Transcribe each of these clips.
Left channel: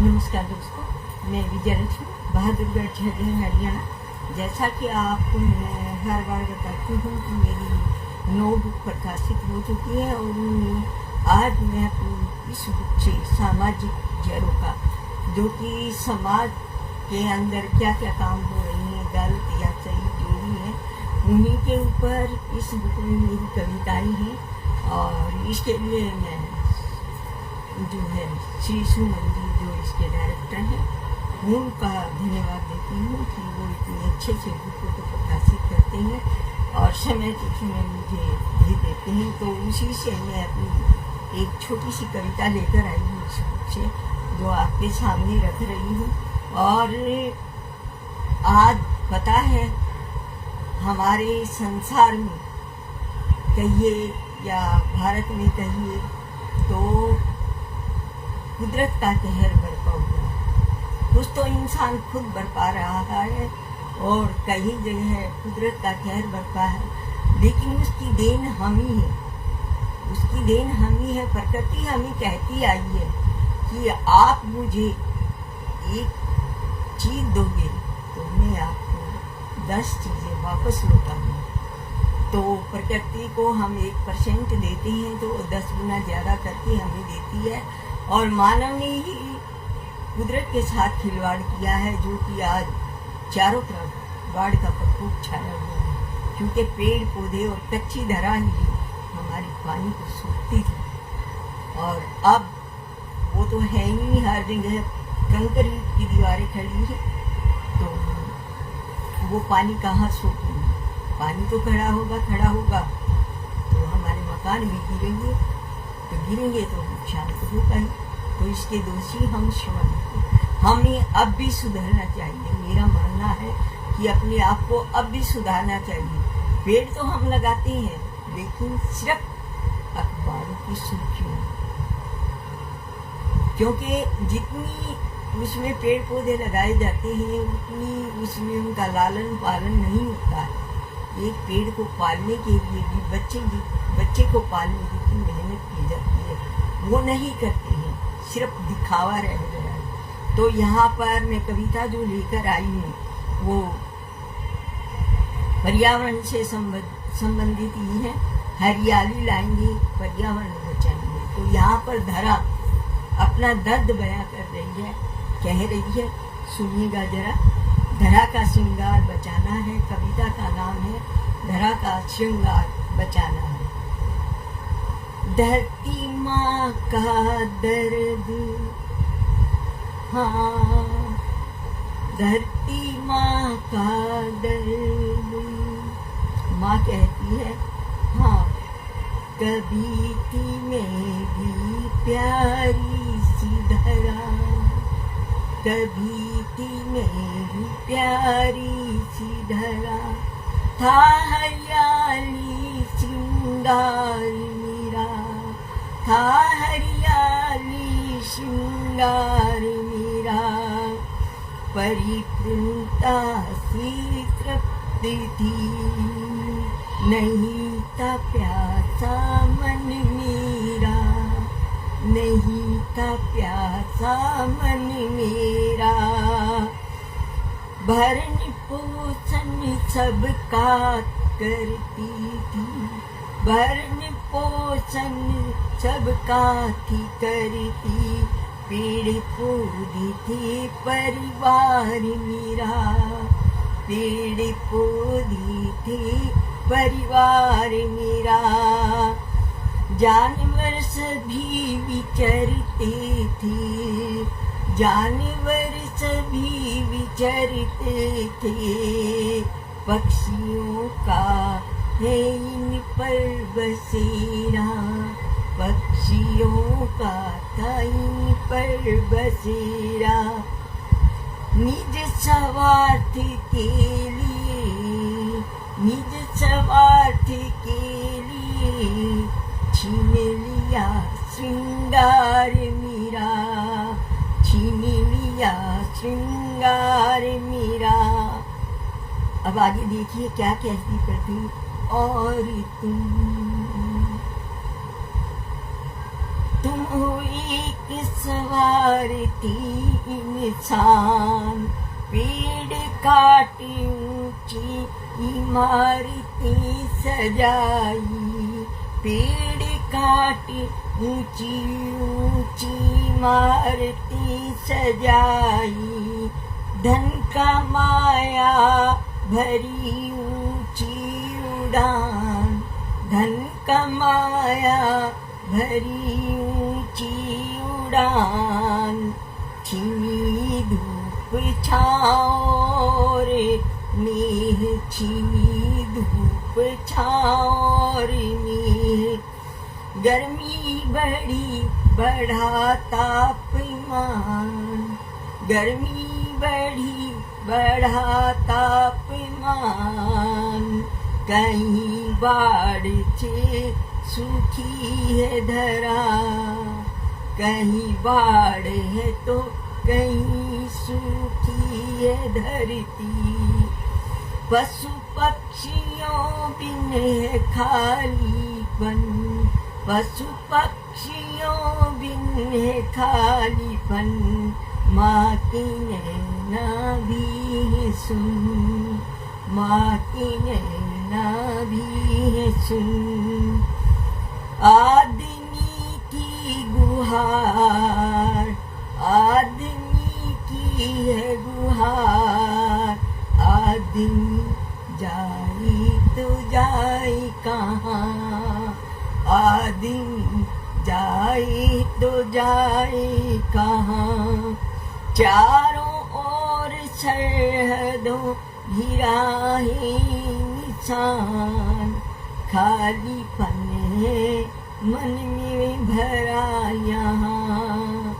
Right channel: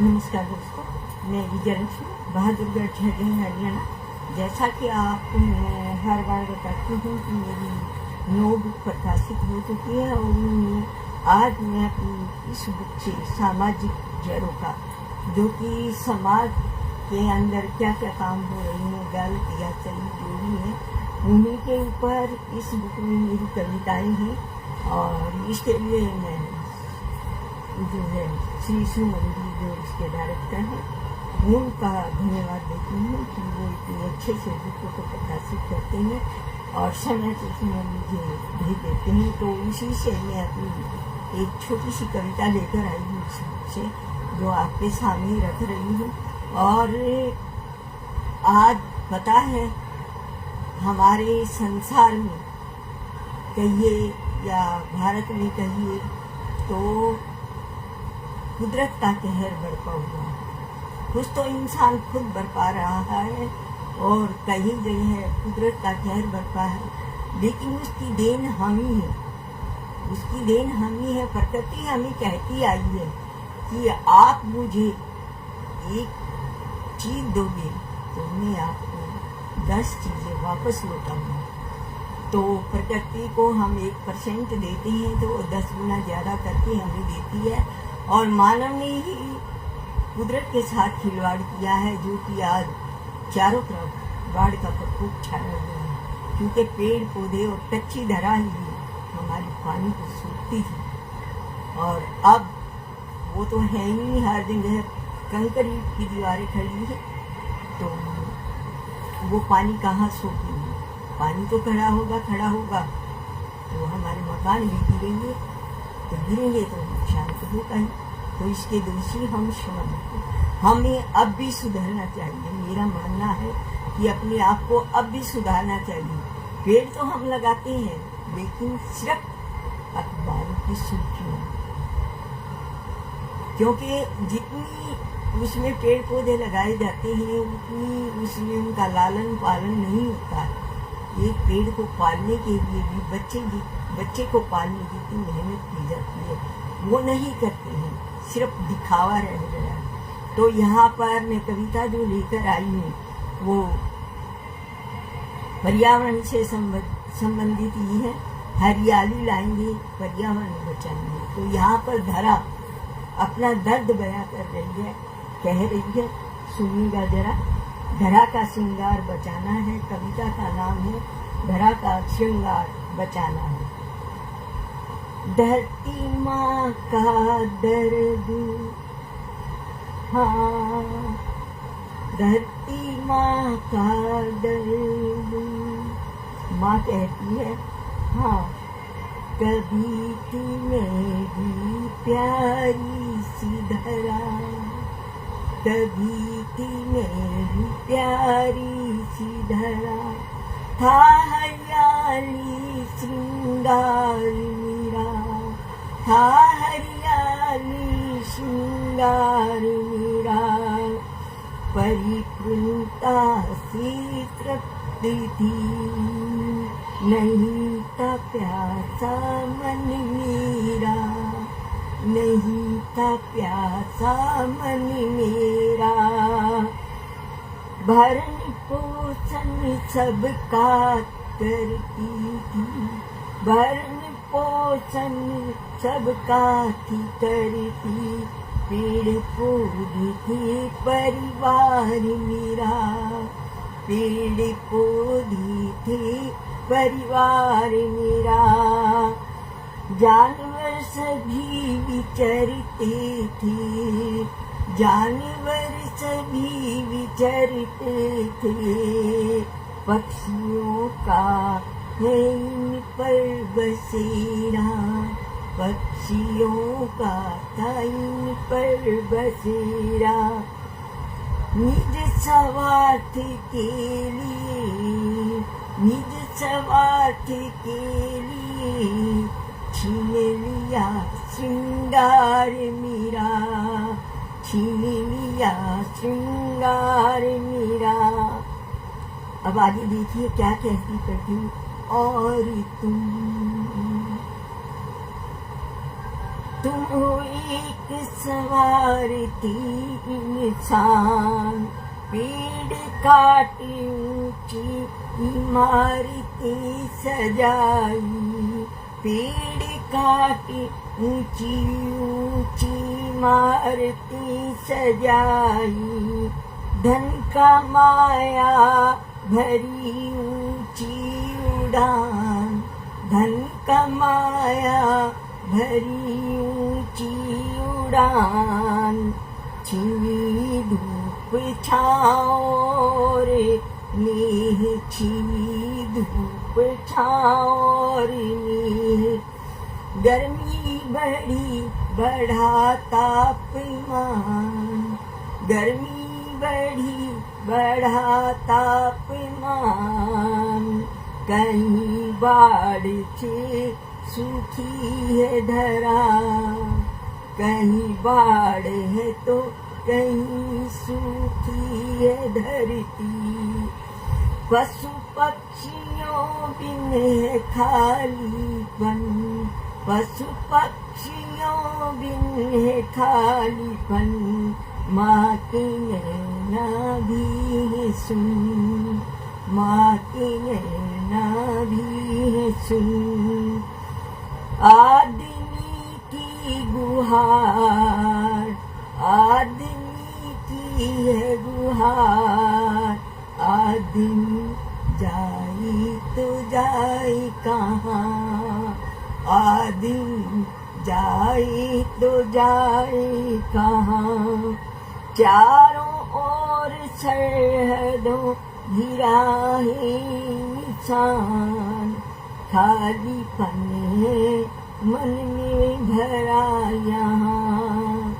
नमस्कार दोस्तों, मैं विजयलक्ष्मी बहादुरगढ़ झज्जर हरियाणा। जैसा कि आपको मैं हर बार बताती हूँ कि मेरी 9 बुक प्रकाशित हो चुकी है और उनमें आज मैं अपनी इस बुक से सामाजिक जड़ों का, जो कि समाज के अंदर क्या क्या काम हो रही हैं, गलत या सही जो भी है, उन्हीं के ऊपर इस बुक में मेरी कविताएं हैं। और इसके लिए मैं जो है श्री सुमन जी, जो इसके डायरेक्टर हैं, उनका धन्यवाद देती हूँ कि वो इतने अच्छे अच्छे बुकों को प्रकाशित करते हैं और समय से समय मुझे भी देते हैं। तो उसी से मैं अपनी एक छोटी सी कविता लेकर आई हूँ इस बुक से, जो आपके सामने रख रही हूँ। और आज पता है, हमारे संसार में कहिए या भारत में कहिए तो कुदरत का कहर बरपा हुआ है। कुछ तो इंसान खुद बरपा रहा है और कई जगह कुदरत का कहर बरपा है, लेकिन उसकी देन हम ही है। उसकी देन हम ही है। प्रकृति हमें कहती आई है कि आप मुझे एक चीज दोगे तो मैं आपको 10 चीजें वापस लौटाऊंगा। तो प्रकृति को हम 1% देते हैं तो 10 गुना ज्यादा करके हमें देती है। और मानव ने ही कुदरत के साथ खिलवाड़ किया है, जो कि आज चारों तरफ बाढ़ का प्रकोप छाया हुआ है, क्योंकि पेड़ पौधे और कच्ची धरा ही हमारी पानी को सोखती थी। और अब वो तो है ही, हर जगह कंक्रीट की दीवारें खड़ी है, तो वो पानी कहाँ सोखेंगे? पानी तो खड़ा होगा तो हमारे मकान भी गिरेंगे, तो गिरेंगे तो नुकसान तो होगा ही। तो इसके दोषी हम स्वयं हैं। हमें अब भी सुधरना चाहिए। मेरा मानना है कि अपने आप को अब भी सुधारना चाहिए। पेड़ तो हम लगाते हैं, लेकिन सिर्फ अखबारों की सुर्खियों, क्योंकि जितनी उसमें पेड़ पौधे लगाए जाते हैं उतनी उसमें उनका लालन पालन नहीं होता। एक पेड़ को पालने के लिए भी बच्चे को पालने की जितनी मेहनत की जाती है वो नहीं करते हैं, सिर्फ दिखावा रह गया है। तो यहाँ पर मैं कविता जो लेकर आई हूँ वो पर्यावरण से संबंधित ही है। हरियाली लाएंगे, पर्यावरण बचाएंगे। तो यहाँ पर धरा अपना दर्द बयां कर रही है, कह रही है, सुनिएगा जरा। धरा का श्रृंगार बचाना है, कविता का नाम है धरा का श्रृंगार बचाना है। धरती माँ का दर्द, हाँ, धरती माँ का दर्द। माँ कहती है, हाँ, कभी थी मैं भी प्यारी सी धरा, कभी थी मैं भी प्यारी सी धरा, था हरियाली श्रृंगार मेरा, था हरियाली श्रृंगार मेरा, परिपूर्णता से तृप्ति थी, नहीं था प्यासा मन मेरा, नहीं था प्यासा मन मेरा। भरण पोषण सबका करती थी, भरण पोषण सबका थी करती, पेड़ पौधे थे परिवार मेरा, पेड़ पौधे थे परिवार मेरा। जानवर सभी विचरते थे, जानवर सभी विचरते थे, पक्षियों का है इन पर बसेरा, पक्षियों का था इन पर बसेरा। निज स्वार्थ के लिए, निज स्वार्थ के लिए छीन लिया श्रृंगार मेरा, छीन लिया श्रृंगार मेरा। अब आगे देखिए क्या कहती करती। और तुम तुम हो एक सवारती इंसान, पेड़ काटी ऊंची इमारतें सजाई, पेड़ काटी ऊंची ऊंची इमारतें सजाई, धन का माया भरी ऊंची उड़ान, धन का माया भरी ऊंची उड़ान, छिनी धूप छाओ रे मेह, छिनी धूप छाओ रे मेह, गर्मी बढ़ी बढ़ा तापमान, गर्मी बढ़ी बढ़ा तापमान, कहीं बाढ़ से सूखी है धरा, कहीं बाढ़ है तो कहीं सूखी है धरती, पशु पक्षियों बिन है खालीपन, पशु पक्षियों बिन है खालीपन, माँ की नैना भी है सुन, माँ की नैना भी है सुन, आदमी की गुहार, आदमी की है गुहार, आदमी जाए तो जाए कहाँ, आदमी जाए तो जाए कहाँ, चारों ओर सरहदों घिरा है निशान, खालीपन है मन में भरा यहाँ,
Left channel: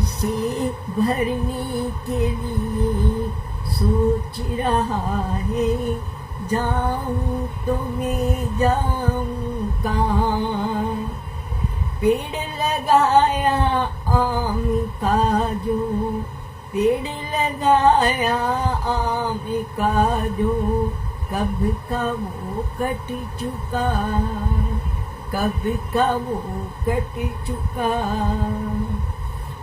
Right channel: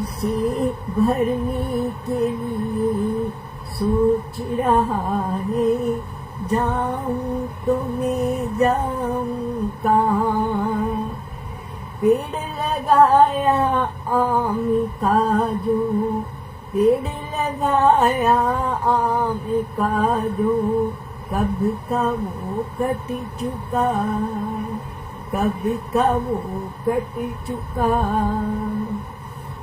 इसे भरने के लिए सोच रहा है, जाऊं तो मैं जाऊं कहाँ, पेड़ लगाया आम का जो, पेड़ लगाया आम का जो, कब का वो कट चुका, कब का वो कट चुका,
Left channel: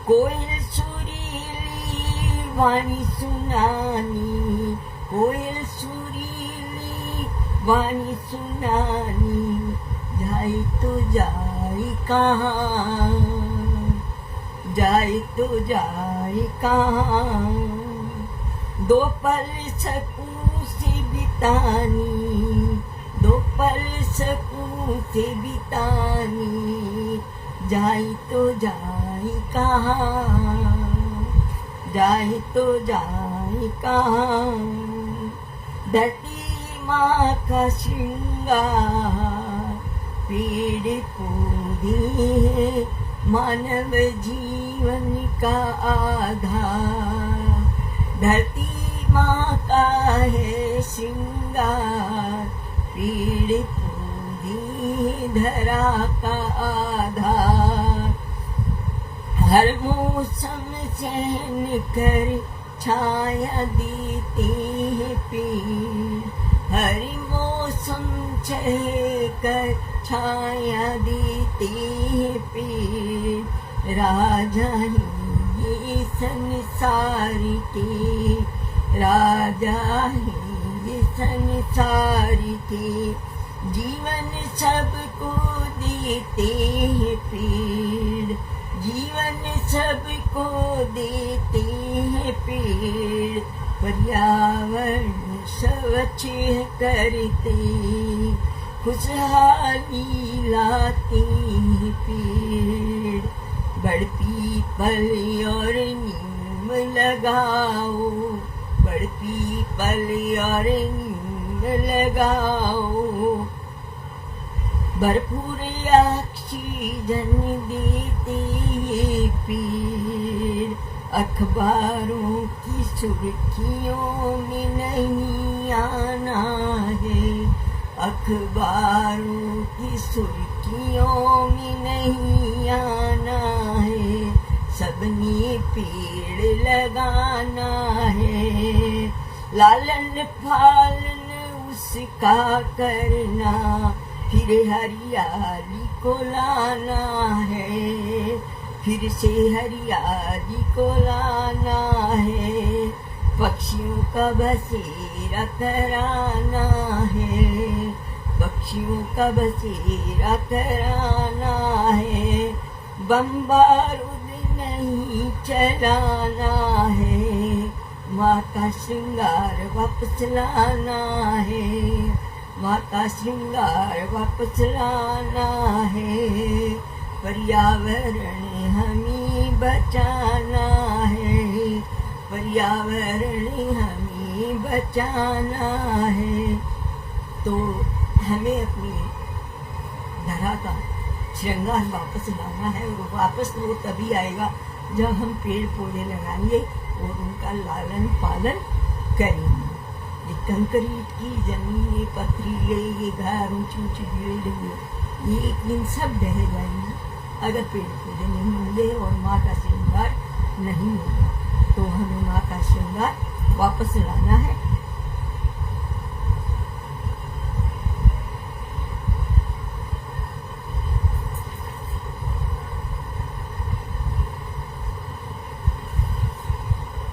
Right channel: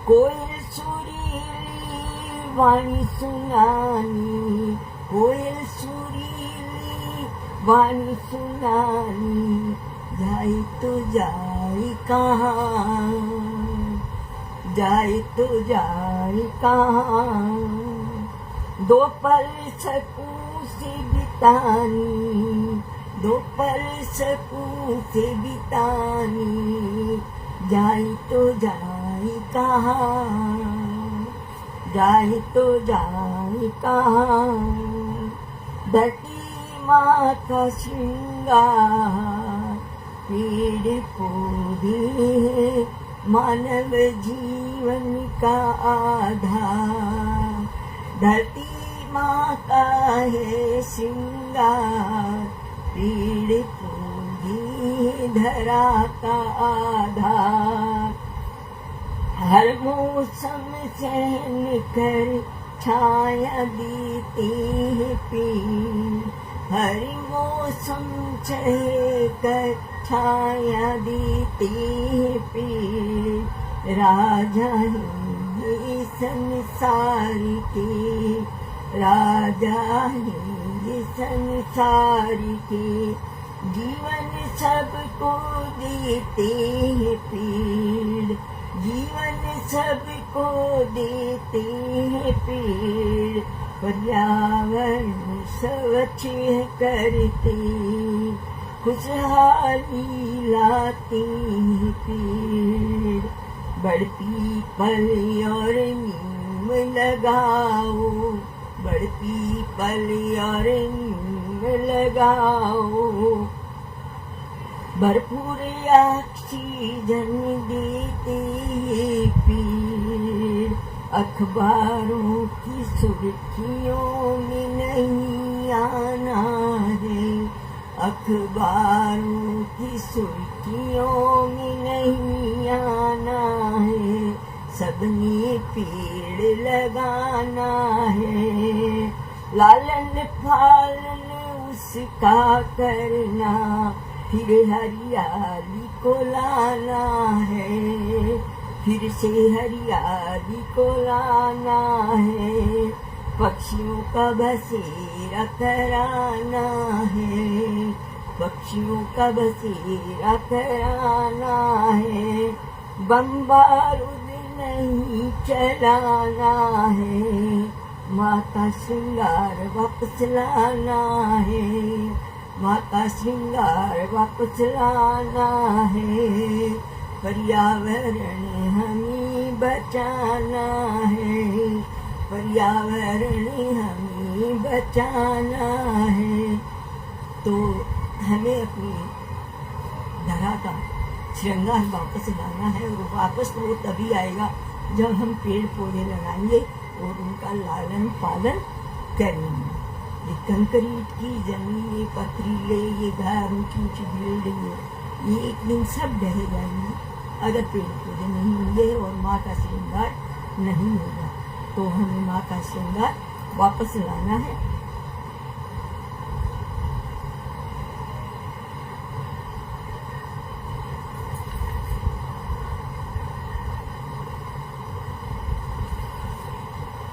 कोयल सुरीली वाणी सुनानी, कोयल सुरीली वाणी सुनानी, जाए तो जाए कहाँ, जाए तो जाए कहाँ, दो पल सकूं से बितानी, दो पल सकूं से बितानी, जाए तो जाए कहाँ, जाए तो जाए कहाँ, धरती माँ का श्रृंगार, पेड़ पौधे मानव जीवन का आधार, धरती माँ का है श्रृंगार, पेड़ पौधे धरा का आधार, हर मौसम सहन कर छाया देते हैं पेड़, हर मौसम सह कर छाया देते हैं पेड़, राजा है ये संसार के, राजा है ये संसार के, जीवन सबको देते हैं पेड़, जीवन सबको देते हैं पेड़, पर्यावरण स्वच्छ करते, खुशहाली लाते हैं पेड़, बढ़ती पल और नीम लगाओ, बढ़ती पल और नीम लगाओ, भरपूर ऑक्सीजन देते ये पेड़, अखबारों की सुर्खियों में नहीं आना है, अखबारों की सुर्खियों में नहीं आना है, सबने पेड़ लगाना है, लालन पालन उसका करना, फिर हरियाली को लाना है, फिर से हरियाली को लाना है, पक्षियों का बसेरा कराना है, पक्षियों का बसेरा कराना है, बम बारूद नहीं चलाना है, माँ का श्रृंगार वापस लाना है, माँ का श्रृंगार वापस लाना है, पर्यावरण हमें बचाना है, पर्यावरण हमें बचाना है। तो हमें अपनी धरा का श्रृंगार वापस लाना है, और वापस वो तभी आएगा जब हम पेड़ पौधे लगाएंगे और उनका लालन पालन करेंगे। ये कंक्रीट की जमीन, ये पथरीले, ये घर, ऊंची ऊंची बिल्डिंग, ये एक दिन सब ढह जाएंगे अगर पेड़ पौधे नहीं होंगे और माँ का श्रृंगार नहीं होगा। तो हमें माँ का श्रृंगार वापस लाना है।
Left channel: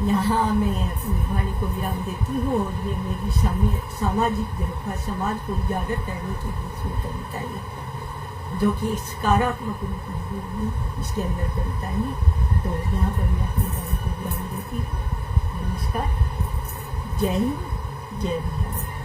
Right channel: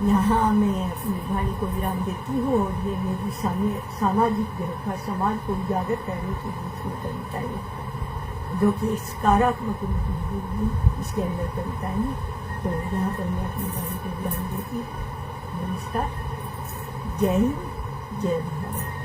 यहाँ मैं अपनी वाणी को विराम देती हूँ, और ये मेरी सामाजिक व्यवस्था, समाज को उजागर करने की दूसरी कविता है, जो कि सकारात्मक रूप में होगी इसके अंदर कविता है। तो यहाँ पर मैं अपनी वाणी को विराम देती हूँ। नमस्कार, जय हिंद, जय भारत।